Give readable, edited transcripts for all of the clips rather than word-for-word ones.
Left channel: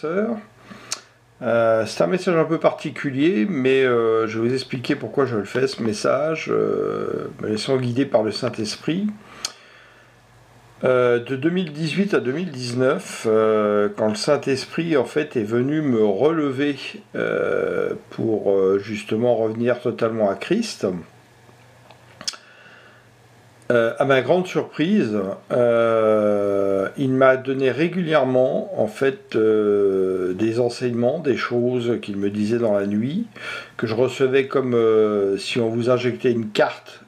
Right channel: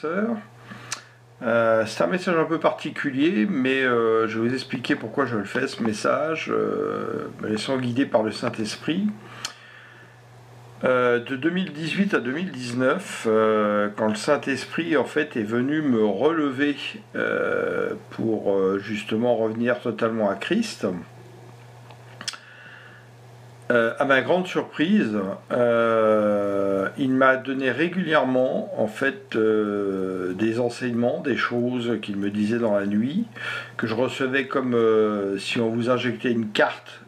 Sœur. C'est un message un peu particulier, mais je vais vous expliquer pourquoi je le fais, ce message, me laissant guider par le Saint-Esprit. De 2018 à 2019, quand le Saint-Esprit en fait est venu me relever pour justement revenir totalement à Christ, à ma grande surprise, il m'a donné régulièrement en fait des enseignements, des choses qu'il me disait dans la nuit, que je recevais comme si on vous injectait une carte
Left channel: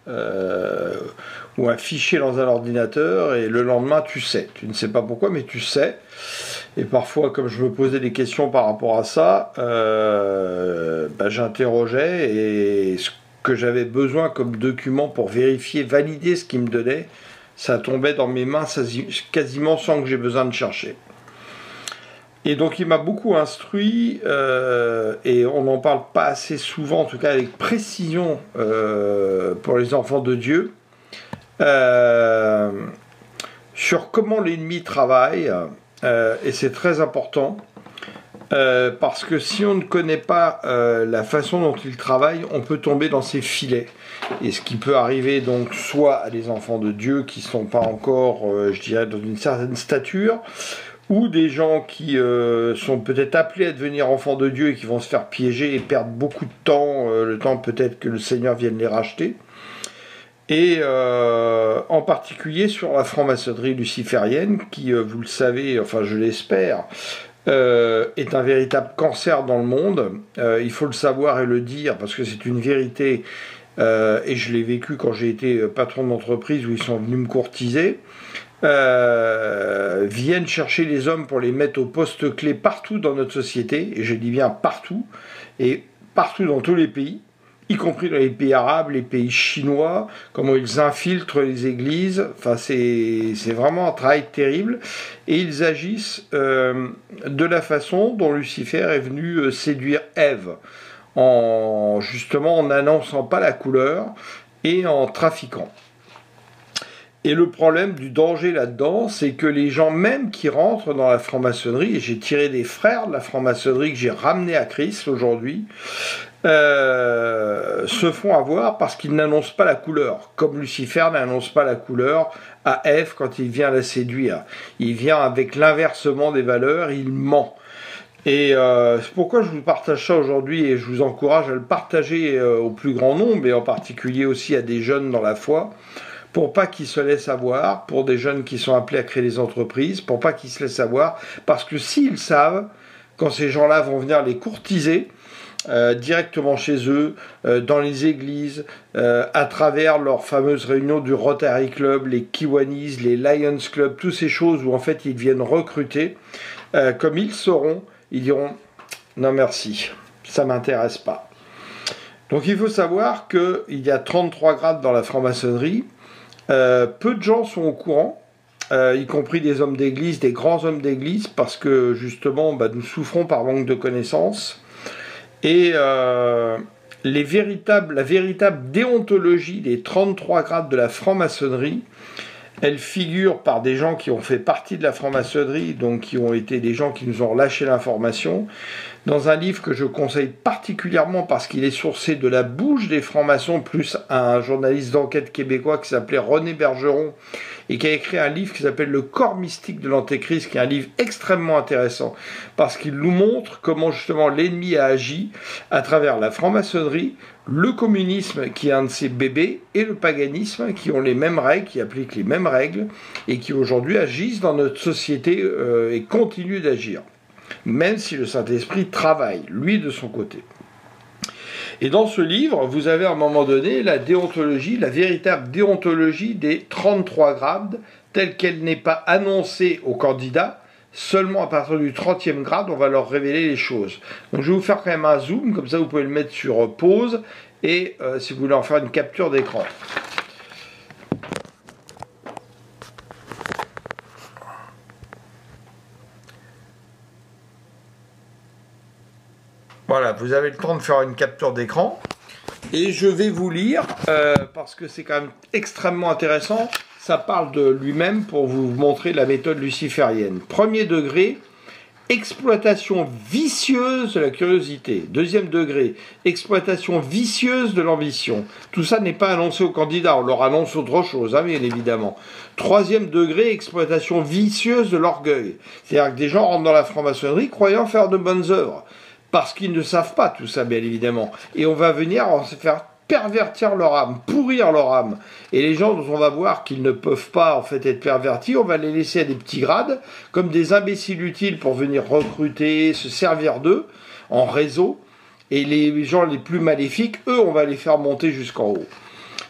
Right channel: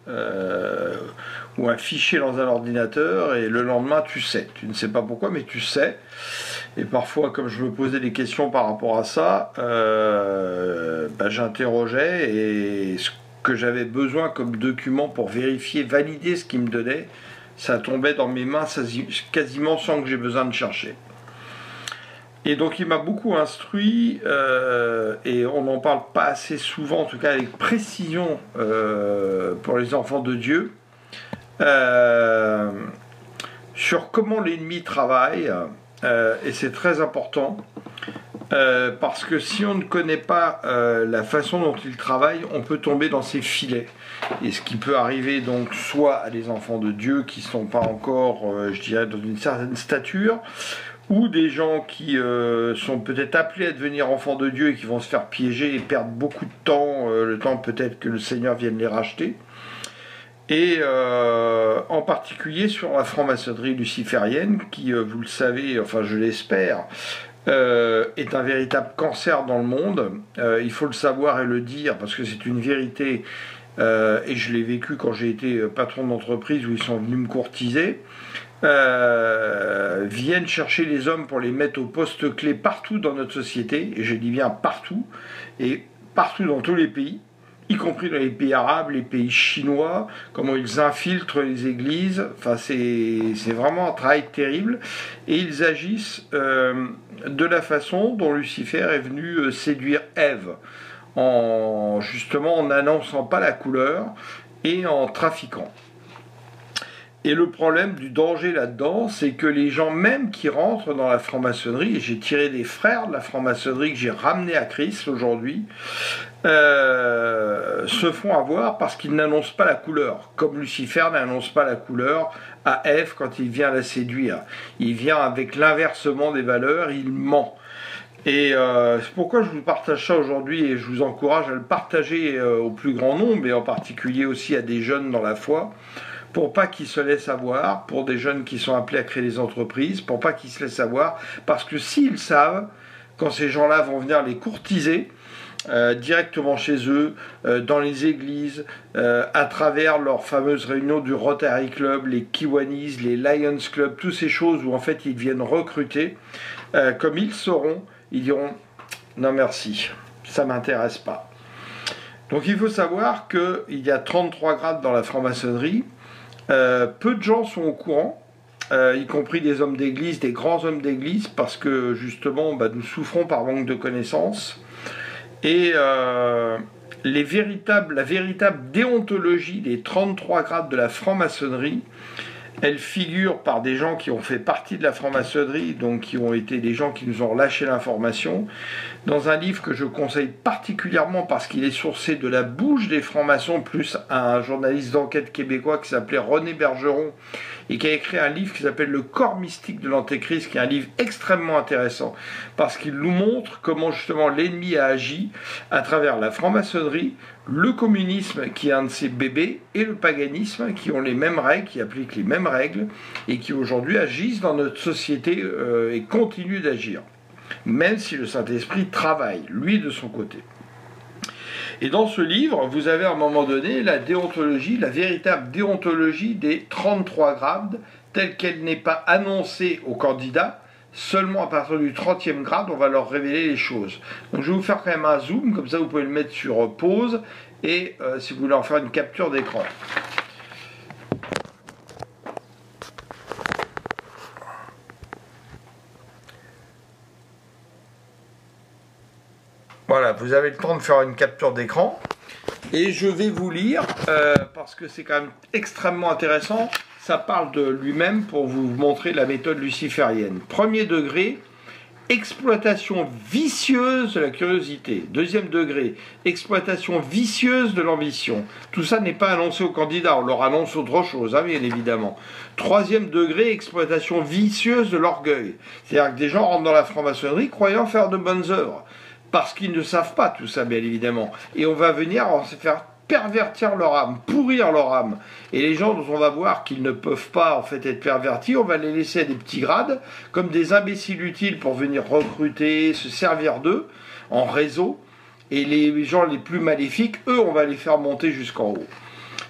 ou un fichier dans un ordinateur, et le lendemain tu sais. Tu ne sais pas pourquoi, mais tu sais. Et parfois, comme je me posais des questions par rapport à ça, j'interrogeais, et ce que j'avais besoin comme document pour vérifier, valider ce qu'il me donnait, ça tombait dans mes mains quasiment sans que j'ai besoin de chercher. Et donc il m'a beaucoup instruit, et on n'en parle pas assez souvent, en tout cas avec précision pour les enfants de Dieu, sur comment l'ennemi travaille, et c'est très important. Parce que si on ne connaît pas la façon dont il travaille, on peut tomber dans ses filets. Et ce qui peut arriver donc soit à des enfants de Dieu qui ne sont pas encore, je dirais, dans une certaine stature, ou des gens qui sont peut-être appelés à devenir enfants de Dieu et qui vont se faire piéger et perdre beaucoup de temps, le temps peut-être que le Seigneur vienne les racheter. Et en particulier sur la franc-maçonnerie luciférienne, qui, vous le savez, enfin je l'espère, est un véritable cancer dans le monde. Il faut le savoir et le dire parce que c'est une vérité, et je l'ai vécu quand j'ai été patron d'entreprise où ils sont venus me courtiser. Viennent chercher les hommes pour les mettre au poste clé partout dans notre société, et je dis bien partout, et partout dans tous les pays, y compris dans les pays arabes, les pays chinois, comment ils infiltrent les églises. Enfin, c'est vraiment un travail terrible. Et ils agissent de la façon dont Lucifer est venu séduire Ève, justement en n'annonçant pas la couleur et en trafiquant. Et le problème du danger là-dedans, c'est que les gens même qui rentrent dans la franc-maçonnerie, et j'ai tiré des frères de la franc-maçonnerie que j'ai ramenés à Christ aujourd'hui, se font avoir parce qu'ils n'annoncent pas la couleur, comme Lucifer n'annonce pas la couleur à Ève quand il vient la séduire. Il vient avec l'inversement des valeurs, il ment. Et c'est pourquoi je vous partage ça aujourd'hui, et je vous encourage à le partager au plus grand nombre, et en particulier aussi à des jeunes dans la foi, pour pas qu'ils se laissent avoir, pour des jeunes qui sont appelés à créer des entreprises, pour pas qu'ils se laissent avoir, parce que s'ils savent, quand ces gens-là vont venir les courtiser, directement chez eux, dans les églises, à travers leurs fameuses réunions du Rotary Club, les Kiwanis, les Lions Club, toutes ces choses où en fait ils viennent recruter, comme ils sauront, ils diront non merci, ça m'intéresse pas. Donc il faut savoir qu'il y a 33 grades dans la franc-maçonnerie. Peu de gens sont au courant, y compris des hommes d'église, des grands hommes d'église, parce que justement nous souffrons par manque de connaissances. Et la véritable déontologie des 33 grades de la franc-maçonnerie, elle figure par des gens qui ont fait partie de la franc-maçonnerie, donc qui ont été des gens qui nous ont lâché l'information, dans un livre que je conseille particulièrement parce qu'il est sourcé de la bouche des francs-maçons, plus un journaliste d'enquête québécois qui s'appelait René Bergeron, et qui a écrit un livre qui s'appelle Le corps mystique de l'Antéchrist, qui est un livre extrêmement intéressant, parce qu'il nous montre comment justement l'ennemi a agi à travers la franc-maçonnerie, le communisme qui est un de ses bébés, et le paganisme qui ont les mêmes règles, qui appliquent les mêmes règles, et qui aujourd'hui agissent dans notre société et continuent d'agir, même si le Saint-Esprit travaille, lui, de son côté. Et dans ce livre, vous avez à un moment donné la déontologie, la véritable déontologie des 33 grades, telle qu'elle n'est pas annoncée aux candidats. Seulement à partir du 30e grade, on va leur révéler les choses. Donc je vais vous faire quand même un zoom, comme ça vous pouvez le mettre sur pause, et si vous voulez en faire une capture d'écran. Voilà, vous avez le temps de faire une capture d'écran. Et je vais vous lire, parce que c'est quand même extrêmement intéressant. Ça parle de lui-même pour vous montrer la méthode luciférienne. Premier degré, exploitation vicieuse de la curiosité. Deuxième degré, exploitation vicieuse de l'ambition. Tout ça n'est pas annoncé aux candidats, on leur annonce autre chose, hein, bien évidemment. Troisième degré, exploitation vicieuse de l'orgueil. C'est-à-dire que des gens rentrent dans la franc-maçonnerie croyant faire de bonnes œuvres, parce qu'ils ne savent pas tout ça, bien évidemment. Et on va venir se faire pervertir leur âme, pourrir leur âme. Et les gens dont on va voir qu'ils ne peuvent pas en fait être pervertis, on va les laisser à des petits grades, comme des imbéciles utiles pour venir recruter, se servir d'eux en réseau. Et les gens les plus maléfiques, eux, on va les faire monter jusqu'en haut.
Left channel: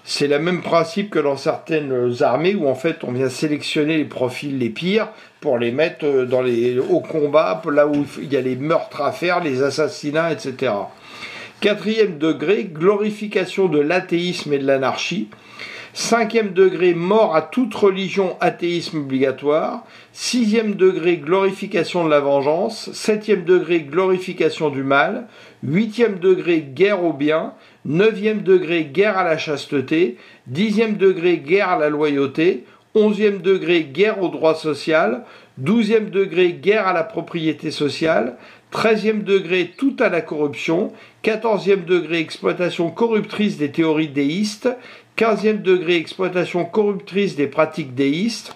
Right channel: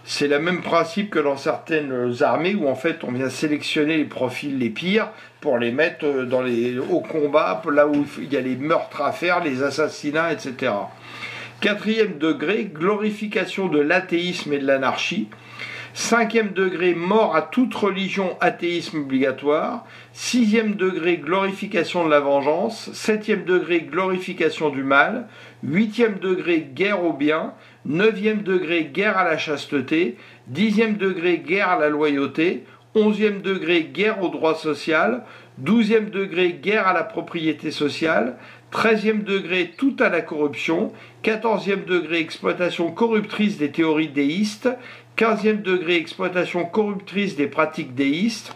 C'est le même principe que dans certaines armées où en fait on vient sélectionner les profils les pires pour les mettre au combat, là où il y a les meurtres à faire, les assassinats, etc. Quatrième degré, glorification de l'athéisme et de l'anarchie. Cinquième degré, mort à toute religion, athéisme obligatoire. Sixième degré, glorification de la vengeance. Septième degré, glorification du mal. Huitième degré, guerre au bien. Neuvième degré, guerre à la chasteté. Dixième degré, guerre à la loyauté. Onzième degré, guerre au droit social. Douzième degré, guerre à la propriété sociale. 13e degré, tout à la corruption. 14e degré, exploitation corruptrice des théories déistes. 15e degré, exploitation corruptrice des pratiques déistes.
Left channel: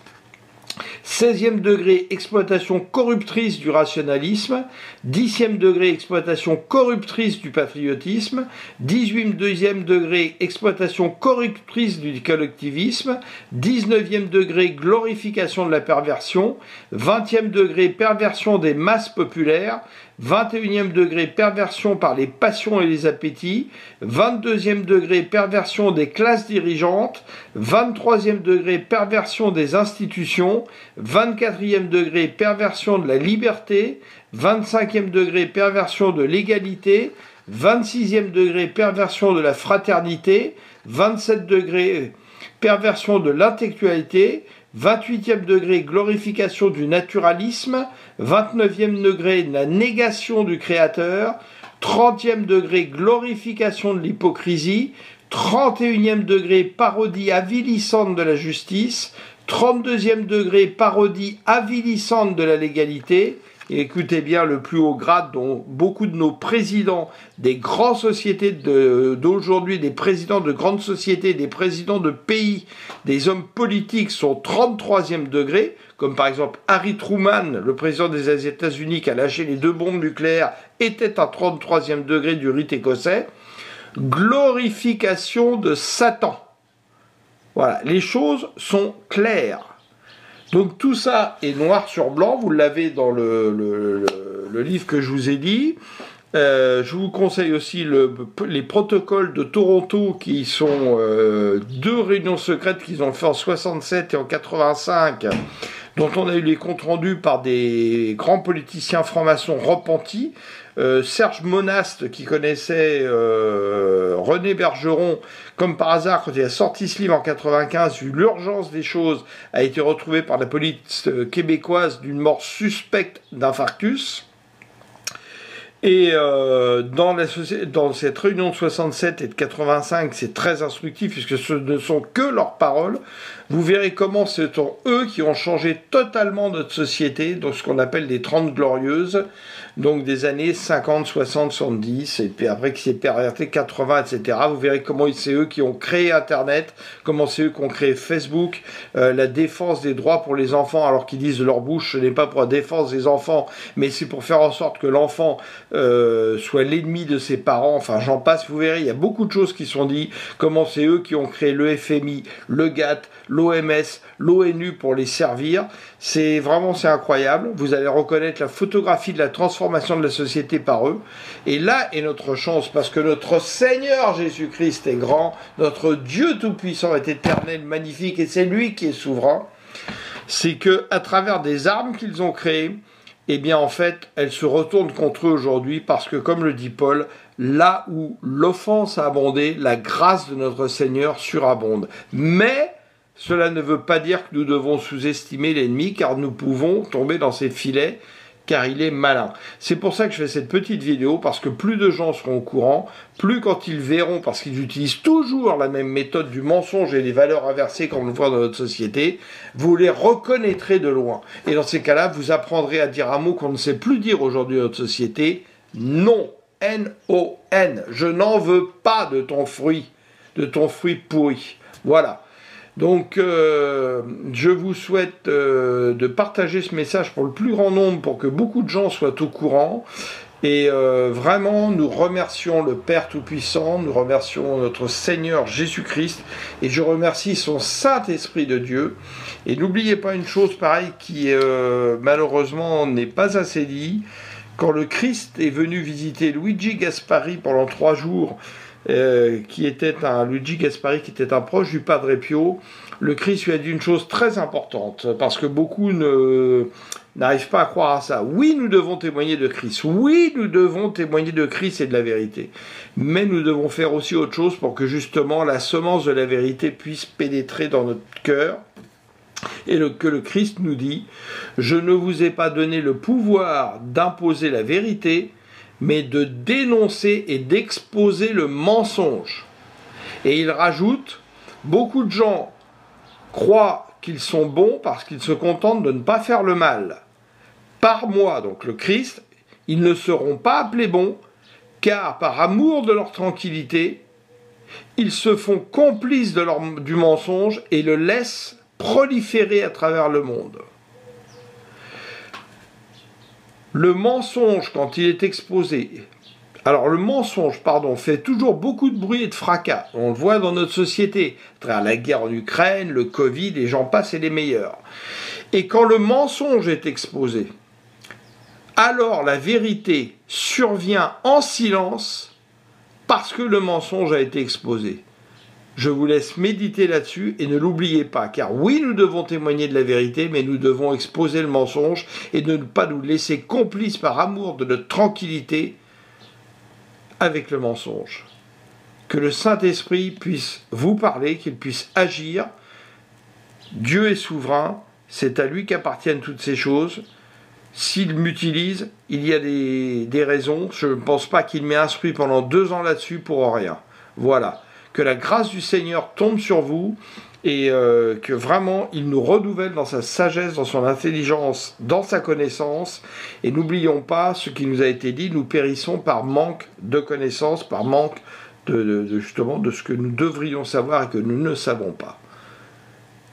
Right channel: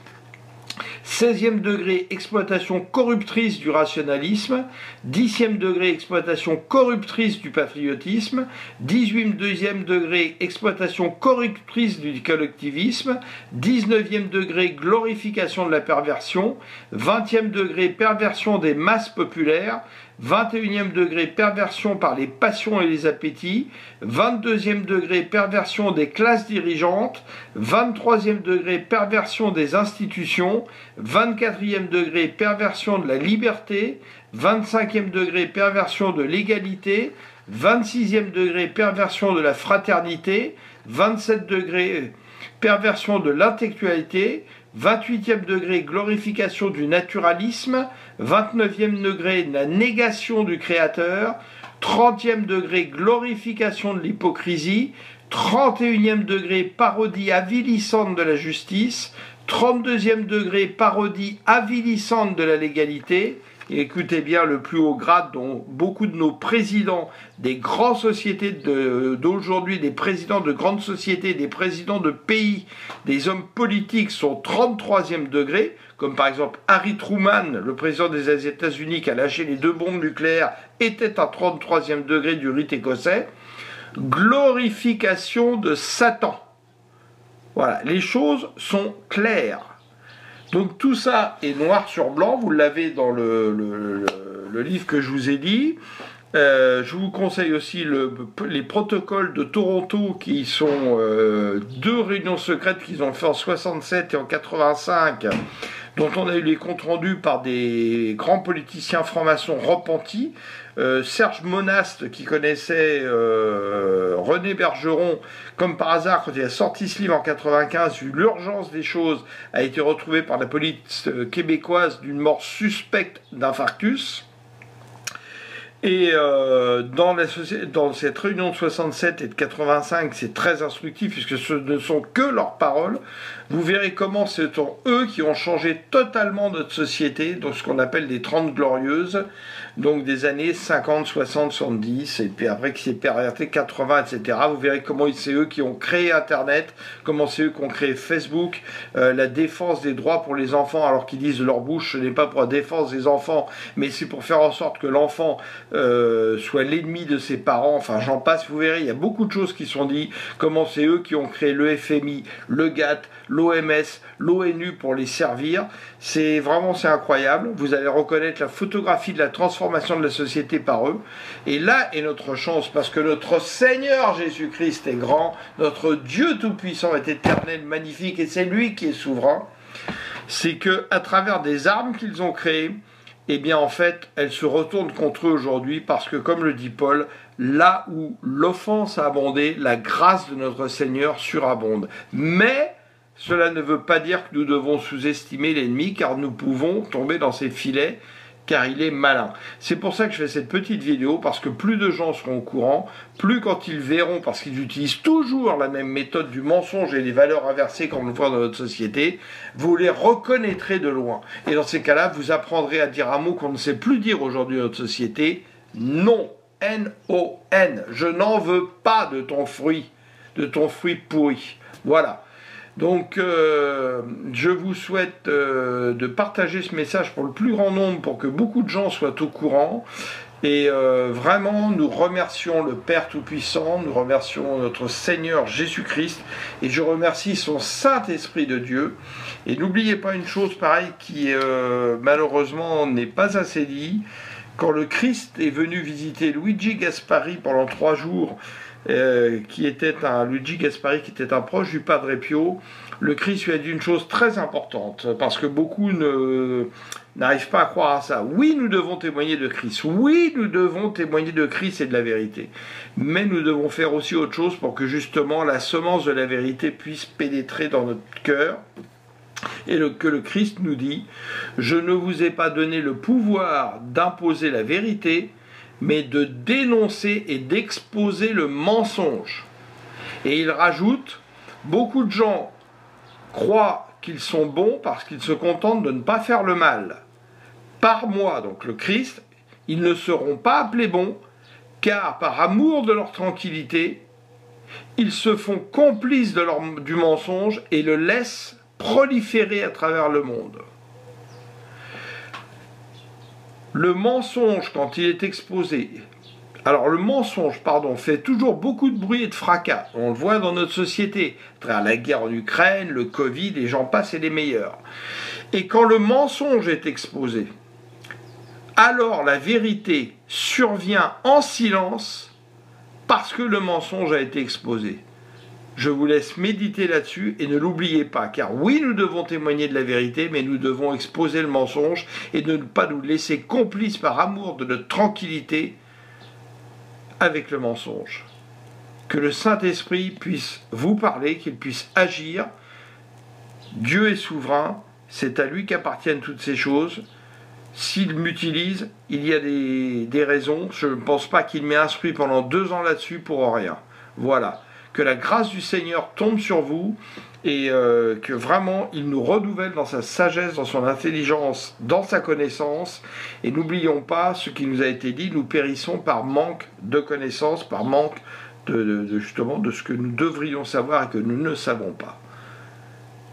16e degré, exploitation corruptrice du rationalisme. 10e degré, exploitation corruptrice du patriotisme. 18e degré, exploitation corruptrice du collectivisme. 19e degré, glorification de la perversion. 20e degré, perversion des masses populaires. 21e degré, perversion par les passions et les appétits. 22e degré, perversion des classes dirigeantes. 23e degré, perversion des institutions. 24e degré, perversion de la liberté. 25e degré, perversion de l'égalité. 26e degré, perversion de la fraternité. 27 degré, perversion de l'intellectualité. 28e degré, glorification du naturalisme. 29e degré, la négation du créateur. 30e degré, glorification de l'hypocrisie. 31e degré, parodie avilissante de la justice. 32e degré, parodie avilissante de la légalité. Et écoutez bien le plus haut grade dont beaucoup de nos présidents des grandes sociétés d'aujourd'hui, des présidents de grandes sociétés, des présidents de pays, des hommes politiques sont 33e degré, comme par exemple Harry Truman, le président des États-Unis qui a lâché les 2 bombes nucléaires, était à 33e degré du rite écossais. Glorification de Satan. Voilà, les choses sont claires. Donc tout ça est noir sur blanc, vous l'avez dans le livre que je vous ai dit. Je vous conseille aussi les protocoles de Toronto qui sont 2 réunions secrètes qu'ils ont fait en 67 et en 85, dont on a eu les comptes rendus par des grands politiciens francs-maçons repentis. Serge Monast, qui connaissait René Bergeron, comme par hasard, quand il a sorti ce livre en 95, vu l'urgence des choses, a été retrouvé par la police québécoise d'une mort suspecte d'infarctus. Et dans cette réunion de 67 et de 85, c'est très instructif puisque ce ne sont que leurs paroles. Vous verrez comment ce sont eux qui ont changé totalement notre société, donc ce qu'on appelle les 30 glorieuses, donc des années 50, 60, 70, et puis après qui s'est perverti 80, etc. Vous verrez comment c'est eux qui ont créé Internet, comment c'est eux qui ont créé Facebook, la défense des droits pour les enfants, alors qu'ils disent de leur bouche, ce n'est pas pour la défense des enfants, mais c'est pour faire en sorte que l'enfant soit l'ennemi de ses parents, enfin j'en passe, vous verrez, il y a beaucoup de choses qui sont dites, comment c'est eux qui ont créé le FMI, le GATT, l'OMS, l'ONU pour les servir, c'est incroyable, vous allez reconnaître la photographie de la transformation de la société par eux, et là est notre chance, parce que notre Seigneur Jésus-Christ est grand, notre Dieu tout-puissant est éternel, magnifique, et c'est lui qui est souverain, c'est que à travers des armes qu'ils ont créées, eh bien en fait, elles se retournent contre eux aujourd'hui parce que, comme le dit Paul, là où l'offense a abondé, la grâce de notre Seigneur surabonde. Mais cela ne veut pas dire que nous devons sous-estimer l'ennemi, car nous pouvons tomber dans ses filets car il est malin. C'est pour ça que je fais cette petite vidéo, parce que plus de gens seront au courant, plus quand ils verront, parce qu'ils utilisent toujours la même méthode du mensonge et des valeurs inversées comme on le voit dans notre société, vous les reconnaîtrez de loin. Et dans ces cas-là, vous apprendrez à dire un mot qu'on ne sait plus dire aujourd'hui dans notre société, non, N-O-N, je n'en veux pas de ton fruit pourri. Voilà. Donc, je vous souhaite de partager ce message pour le plus grand nombre, pour que beaucoup de gens soient au courant. Et vraiment, nous remercions le Père Tout-Puissant, nous remercions notre Seigneur Jésus-Christ, et je remercie son Saint-Esprit de Dieu. Et n'oubliez pas une chose pareille qui, malheureusement, n'est pas assez dit. Quand le Christ est venu visiter Luigi Gaspari pendant 3 jours, Luigi Gaspari qui était un proche du Padre Pio, le Christ lui a dit une chose très importante, parce que beaucoup n'arrivent pas à croire à ça. Oui, nous devons témoigner de Christ. Oui, nous devons témoigner de Christ et de la vérité. Mais nous devons faire aussi autre chose pour que justement la semence de la vérité puisse pénétrer dans notre cœur. Et que le Christ nous dit, je ne vous ai pas donné le pouvoir d'imposer la vérité, mais de dénoncer et d'exposer le mensonge. Et il rajoute, beaucoup de gens croient qu'ils sont bons parce qu'ils se contentent de ne pas faire le mal. Par moi, donc le Christ, ils ne seront pas appelés bons, car par amour de leur tranquillité, ils se font complices du mensonge et le laissent proliférer à travers le monde. Le mensonge, quand il est exposé, fait toujours beaucoup de bruit et de fracas. On le voit dans notre société, à travers la guerre en Ukraine, le Covid, et j'en passe, et les meilleurs. Et quand le mensonge est exposé, alors la vérité survient en silence parce que le mensonge a été exposé. Je vous laisse méditer là-dessus et ne l'oubliez pas, car oui, nous devons témoigner de la vérité, mais nous devons exposer le mensonge et ne pas nous laisser complices par amour de notre tranquillité avec le mensonge. Que le Saint-Esprit puisse vous parler, qu'il puisse agir. Dieu est souverain, c'est à lui qu'appartiennent toutes ces choses. S'il m'utilise, il y a des raisons. Je ne pense pas qu'il m'ait instruit pendant 2 ans là-dessus pour rien. Voilà. Que la grâce du Seigneur tombe sur vous et que vraiment il nous renouvelle dans sa sagesse, dans son intelligence, dans sa connaissance. Et n'oublions pas ce qui nous a été dit, nous périssons par manque de connaissance, par manque justement de ce que nous devrions savoir et que nous ne savons pas.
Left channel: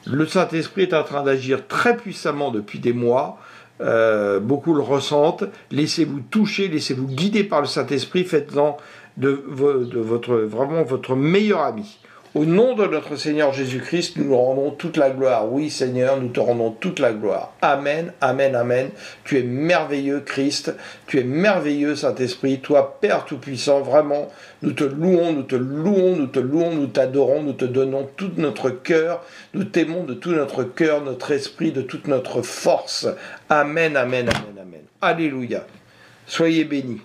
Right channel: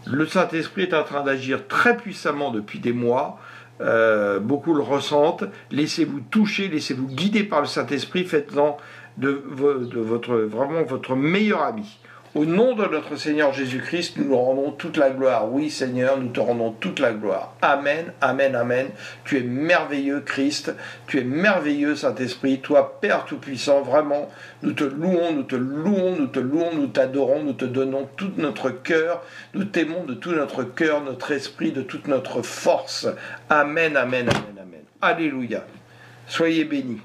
Le Saint-Esprit est en train d'agir très puissamment depuis des mois. Beaucoup le ressentent. Laissez-vous toucher, laissez-vous guider par le Saint-Esprit, faites-en vraiment votre meilleur ami. Au nom de notre Seigneur Jésus-Christ, nous nous rendons toute la gloire. Oui, Seigneur, nous te rendons toute la gloire. Amen, amen, amen. Tu es merveilleux, Christ. Tu es merveilleux, Saint-Esprit. Toi, Père Tout-Puissant, vraiment, nous te louons, nous te louons, nous te louons, nous t'adorons, nous te donnons tout notre cœur. Nous t'aimons de tout notre cœur, notre esprit, de toute notre force. Amen, amen, amen, amen. Alléluia. Soyez bénis.